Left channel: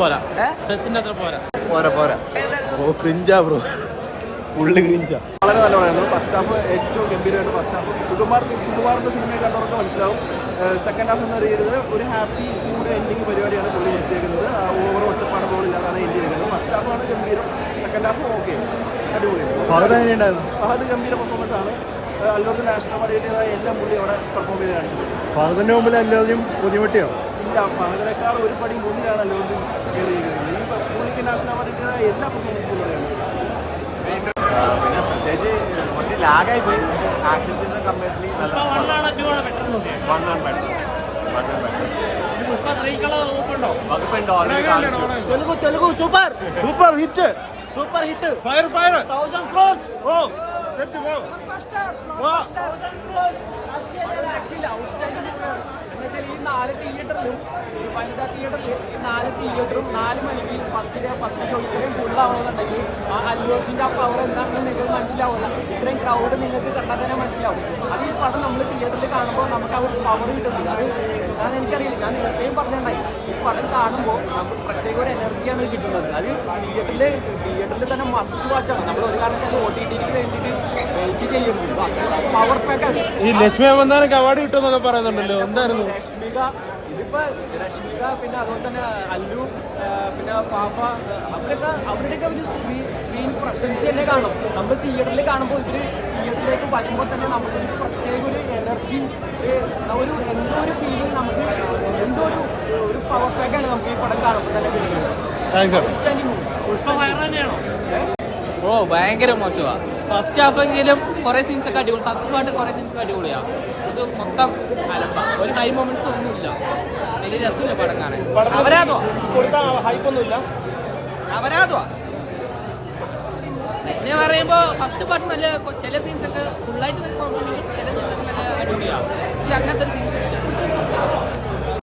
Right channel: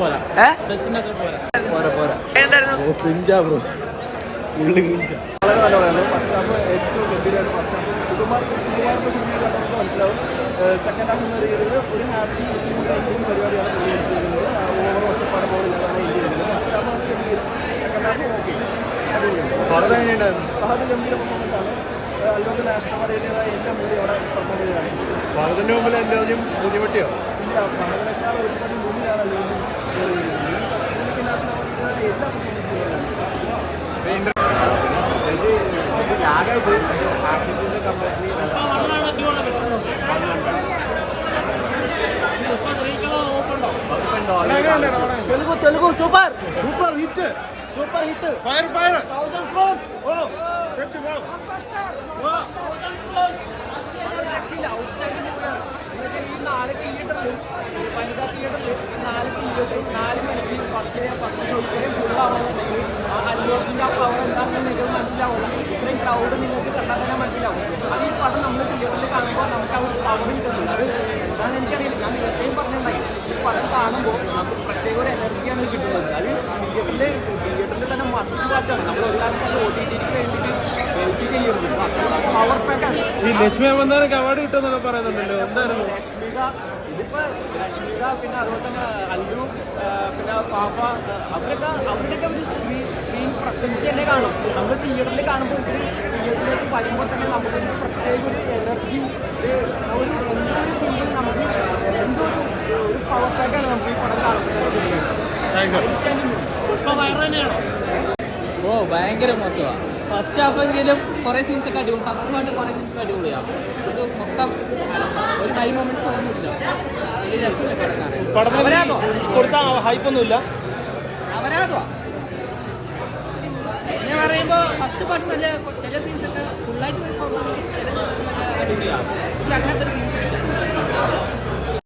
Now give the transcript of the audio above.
പോരാ. പോരാ. പോരാ പോരാ. ഓ ക്രിഞ്ചാ ബ്രോ ഉള്ളി ക്രിഞ്ചാ വളരെ നല്ല പറയുന്നത് ഫസ്റ്റ് ഹാഫ് ഏറ്റവും ഗംഭീരമായിട്ട് ഫസ്റ്റ് ഹാഫ് സുകുമാർ സുകുമാറിന്റെ സിനിമ കണ്ടവർക്ക് മനസ്സിലാവും. സെക്കൻഡ് ഹാഫ് എന്ന് പറയുന്നത് ഒരു ഹാപ്പി മൂഡ് എൻഡിങ് പരിപാടിയാണ് പുള്ളി വിളിച്ചേക്കുന്നത് ഓവർ ഒച്ചപ്പാട് ബോളില്ലാതാണ് എൻഡ് ചെയ്തിരിക്കുന്നത്. ഫസ്റ്റ് ഹാഫാണ് ഗംഭീരം. സെക്കൻഡ് ഹാഫ് ഓക്കെ അടിപൊളിയാണ് അത് ഗംഭീര പെർഫോമൻസ് ആണ്. അല്ലൂർജ് നാഷണൽ അവാർഡ് കിട്ടിയതായ എല്ലാം പുള്ളി അവിടെ പെർഫോം ചെയ്ത് കാണിച്ചിട്ടുണ്ട്. ഇല്ല ഫഹദിനേക്കാൾ ഒരു പടി മുന്നിലാണ് ഈ പുള്ളിക്ക് നാഷണൽ അവാർഡ് എല്ലാ പെർഫോമൻസും കൂടെയാണ് പിന്നെ പ്രത്യേകിച്ച് കുറച്ച് ലാഗായി പോയി. പക്ഷേ ആക്ഷൻ കംപ്ലീറ്റ്ലി നല്ല Telugu Telugu super! Super hit! Super hit! Fire fire thousand crores ഓ സെറ്റ് ഓ വനിതാ തിയേറ്ററിൽ ഈ നാല് തിയേറ്ററും നാല് മണിക്ക് ഫസ്റ്റ് ഡേ ഫസ്റ്റ് ഷോ ഇത്രയും ഫുൾ ആവണമെന്നുണ്ടെങ്കിൽ ആ അല്ലു ആ പവർ എന്താണെന്ന് നിങ്ങൾക്ക് മനസ്സിലാവില്ല ഇത്രയും ക്രൗഡ് നിങ്ങൾക്ക് കണ്ടാൽ തന്നെ മനസ്സിലാവും. അത് ഈ പടം നമ്മൾ തിയേറ്ററിൽ കാണുമ്പോൾ നമുക്ക് ആ ഒരു പവർ കിട്ടുന്നുണ്ട് അത് എന്താണെന്ന് എനിക്കറിയില്ല. ഞാൻ നേരത്തെയും പറഞ്ഞിട്ടുണ്ടായി. ഈ പടം കാണുമ്പോൾ നമുക്ക് പ്രത്യേക ഒരു എനർജിയാണ് കിട്ടുന്നത്. അത് തിയേറ്ററിൽ തിയേറ്ററിൽ തന്നെ മസ്റ്റ് വാച്ചാണ് നമ്മൾ ഒരു കാരണവശാലും ഒ ടി ടിക്ക് വേണ്ടിയിട്ട് വെയിറ്റ് ചെയ്യരുത് പവർ പാക്കാണ് ഈ ലക്ഷ്മി അവാർഡ് കിട്ടുമെന്നൊക്കെ പറയുന്നുണ്ടല്ലോ. എന്തായിരുന്നു? രശ്മിക ഇതിപ്പോ രശ്മിക പിന്നെ അതുപോലെ തന്നെ അല്ലു പിന്നെ ഫാഫ അവരൊക്കെ അവരുടെയൊക്കെ ഒരു സ്ക്രീൻ സ്ക്രീൻ പ്രസൻസ് തന്നെ കാണും. നമ്മൾ തിയേറ്ററിൽ കാണുമ്പോൾ ഇവർ തിയേറ്ററിലേക്ക് വരുമ്പോൾ തന്നെ നമുക്കൊരു പ്രത്യേക ഒരു എനർജി ഒരു എന്തോ ഒരു ഫീലിംഗ് നമുക്ക് എന്തോ ഒരു ഒരു പവർ പാക്കാണ് നമുക്ക് ഈ പടം കാണുമ്പോൾ തന്നെ കിട്ടുന്നത്. ഓ ഭയങ്കര മോശമാ. ഫസ്റ്റ് ഹാഫ് എങ്കിലും കുറെ സീൻസ് ഒക്കെ അടിപൊളി. ഫസ്റ്റ് പാട്ട് കുറെ സീൻസ് ഒക്കെ അടിപൊളിയാ. ഇത് മൊത്തം അലമ്പ. ഒരു ഹൈ മൊമെന്റ്സ് ഒന്നുമില്ല വലിയ രസമില്ല പടം കാണാൻ. അവരാതോ അവരാതോ പിന്നെ പറയുമ്പോ ഫസ്റ്റ് പാട്ട് നല്ല ചില സീൻസ് ഒക്കെ ഫുള്ളായിട്ട് ചില സീൻസ് ഒക്കെ നല്ല അടിപൊളിയാണ് അങ്ങനത്തെ ഒരു സീൻസ് ഇല്ല.